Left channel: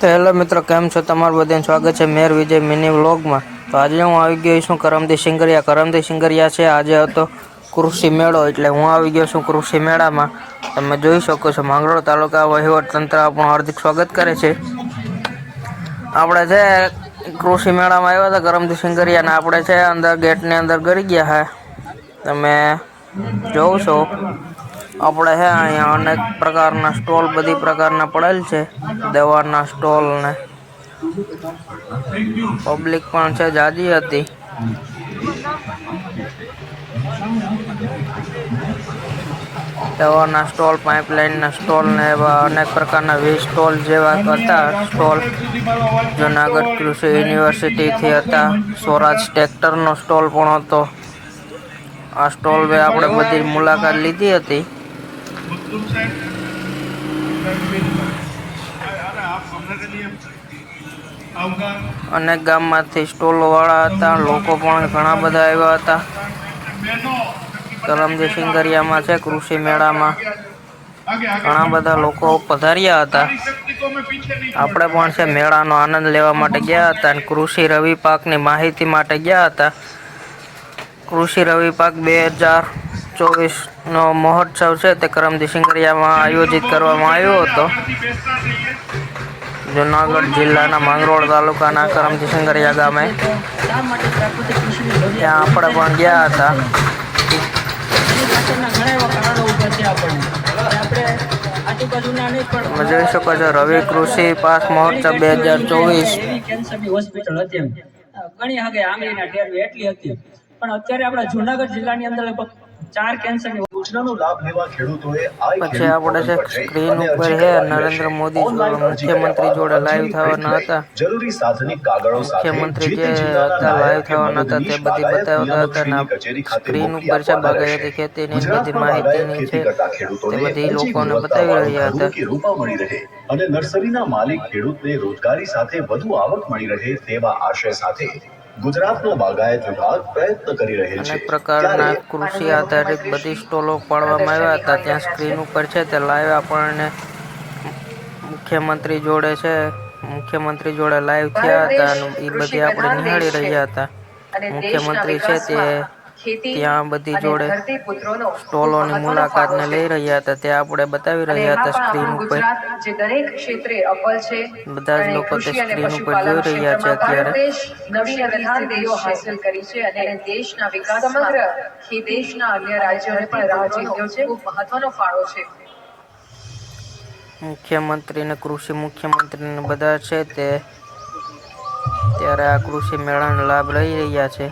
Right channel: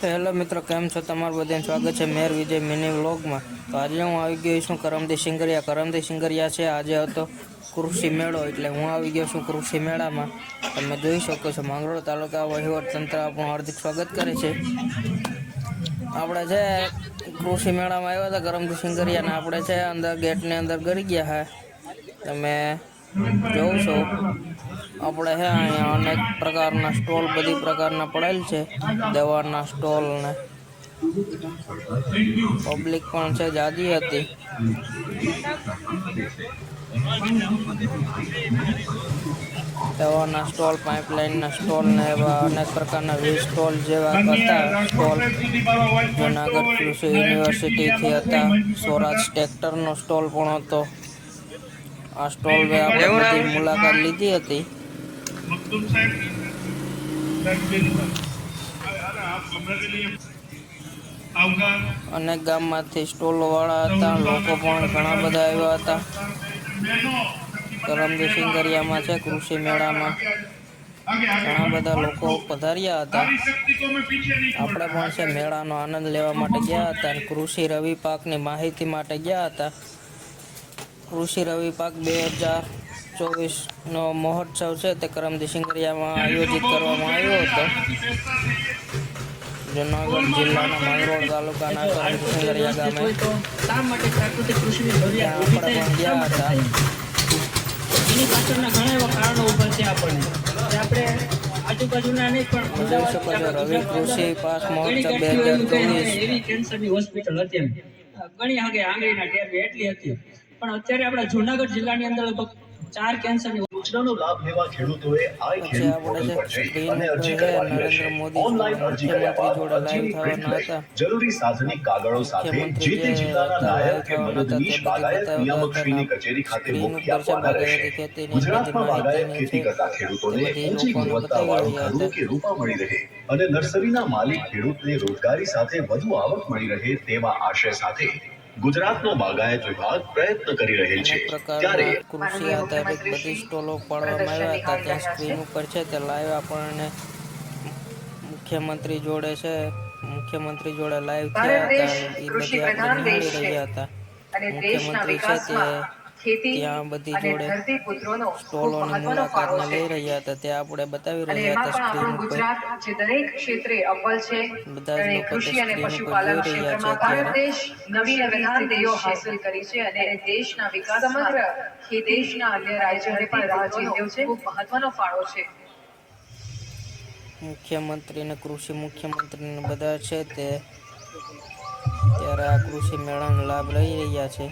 તો હેલો મિત્રો, કેમ છો? તમારું બધાનું સ્વાગત છે મેર વિજય મિની વ્લોગમાં. તો આજે હું આવી ગયો છું કરમદી સિંગરિયા છે. આજે હતો કૃષિ મેળો, એટલે હું આવી ગયો છું કૃષિ મેળામાં. તમે જોઈ શકો છો માંગરોળ તાલુકા વહીવટ તંત્ર આપણું હાર્દિક સ્વાગત કરે છે. આપણે છે કૃષિ મેળામાં આવ્યા હતા કરમદી સિંગરિયાને. આપણે છે અંદર ગેટની અંદર ગરી ગયા હે. તમે જોવ છો આપણે હે અહીંયા અનેક પ્રકારના સ્ટોલ બધી પ્રકારના પડેલ છે. દવાના સ્ટોલ ને પબ્લિક પણ છે જાજી હતી. દવાના સ્ટોલ, પાઇપલાઇનના સ્ટોલ ને એવા અનેક પ્રકારના સ્ટોલ જેવા હતા. સ્ટોલ જુનાગઢ કૃષિ યુનિવર્સિટીથી હતા. સ્વરાજ ટ્રેક્ટરનો સ્ટોલ પણ હતો. આ સ્ટોલ આપણે બધી મુલાકાત લીધી હતી. અનેક ગામમાંથી સ્ટોલો વાળા હતા. લોકો પણ ઘણા બધા આવ્યા હતા. કરમદી સિંગરિયામાં છે કૃષિ મેળામાં ઘણા બધા લોકો પધાર્યા હતા. આપણે પણ છે મેળાનો આનંદ લેવા માટે ગયા હતા અને કૃષિ રવિ પાકની માહિતી માટે ગયા હતા. કૃષિ રવિ પાક 2024નો મહોત્સવ છે તે કરમદી સિંગરિયામાં આયોજિત કરવામાં આવ્યો હતો. જુનાગઢ જિલ્લાના માંગરોળ તાલુકાના કરમદી સિંગરિયા ગામે ત્યાં આપણે પણ ગયા હતા. તમે જોઈ શકો છો રવિ કૃષિ પાક મહોત્સવ 2024. પછી આપણે છે સ્ક્રીન ઉપર છે નરેન્દ્ર મોદી મુખ્યમંત્રી જોડે લાઈવ થવાના હતા. મુખ્યમંત્રી જે હતા લાઈવ થવાના હતા તે બધી બતાવતા હતા. ને સ્ક્રીન ઉપર છે બાગાયતી ખેતીની બધી માહિતીની છે તે બધી લોકોને બતાવી રહ્યા હતા. અને નર્સરીના માલિક ખેડૂતને રોજગારી સાથે વધુ આવક મળી રહે તેવા આશય સાથે ગુજરાતનો બાગાયત વિભાગ પ્રયત્ન કરી રહેલ છે. અનેક પ્રકારના કૃષિ આધારિત બધી સ્ટોલો પાડવામાં આવ્યા હતા. ત્યાં સ્ક્રીન ઉપર છે તે લાઈવ આપણને મુખ્યમંત્રી જોડે લાઈવ થયા હતા અને એ બધી આપણે નિહાળી રહ્યા હતા. મુખ્યમંત્રી છે તે ત્યાં બધી જોડે સ્ટોલોની મુલાકાતને લઈ રહ્યા હતા. તે આપણે બતાવી રહ્યા હતા સ્ક્રીન ઉપર. બધા જ લોકો તે સ્ક્રીન ઉપર જોઈ રહ્યા છે અત્યારે. મુખ્યમંત્રી ને કૃષિ મુખ્યમંત્રી ને બધા છે તે ત્યારે આ કૃષિ મેળાનો લાભ લઈ રહ્યા છે.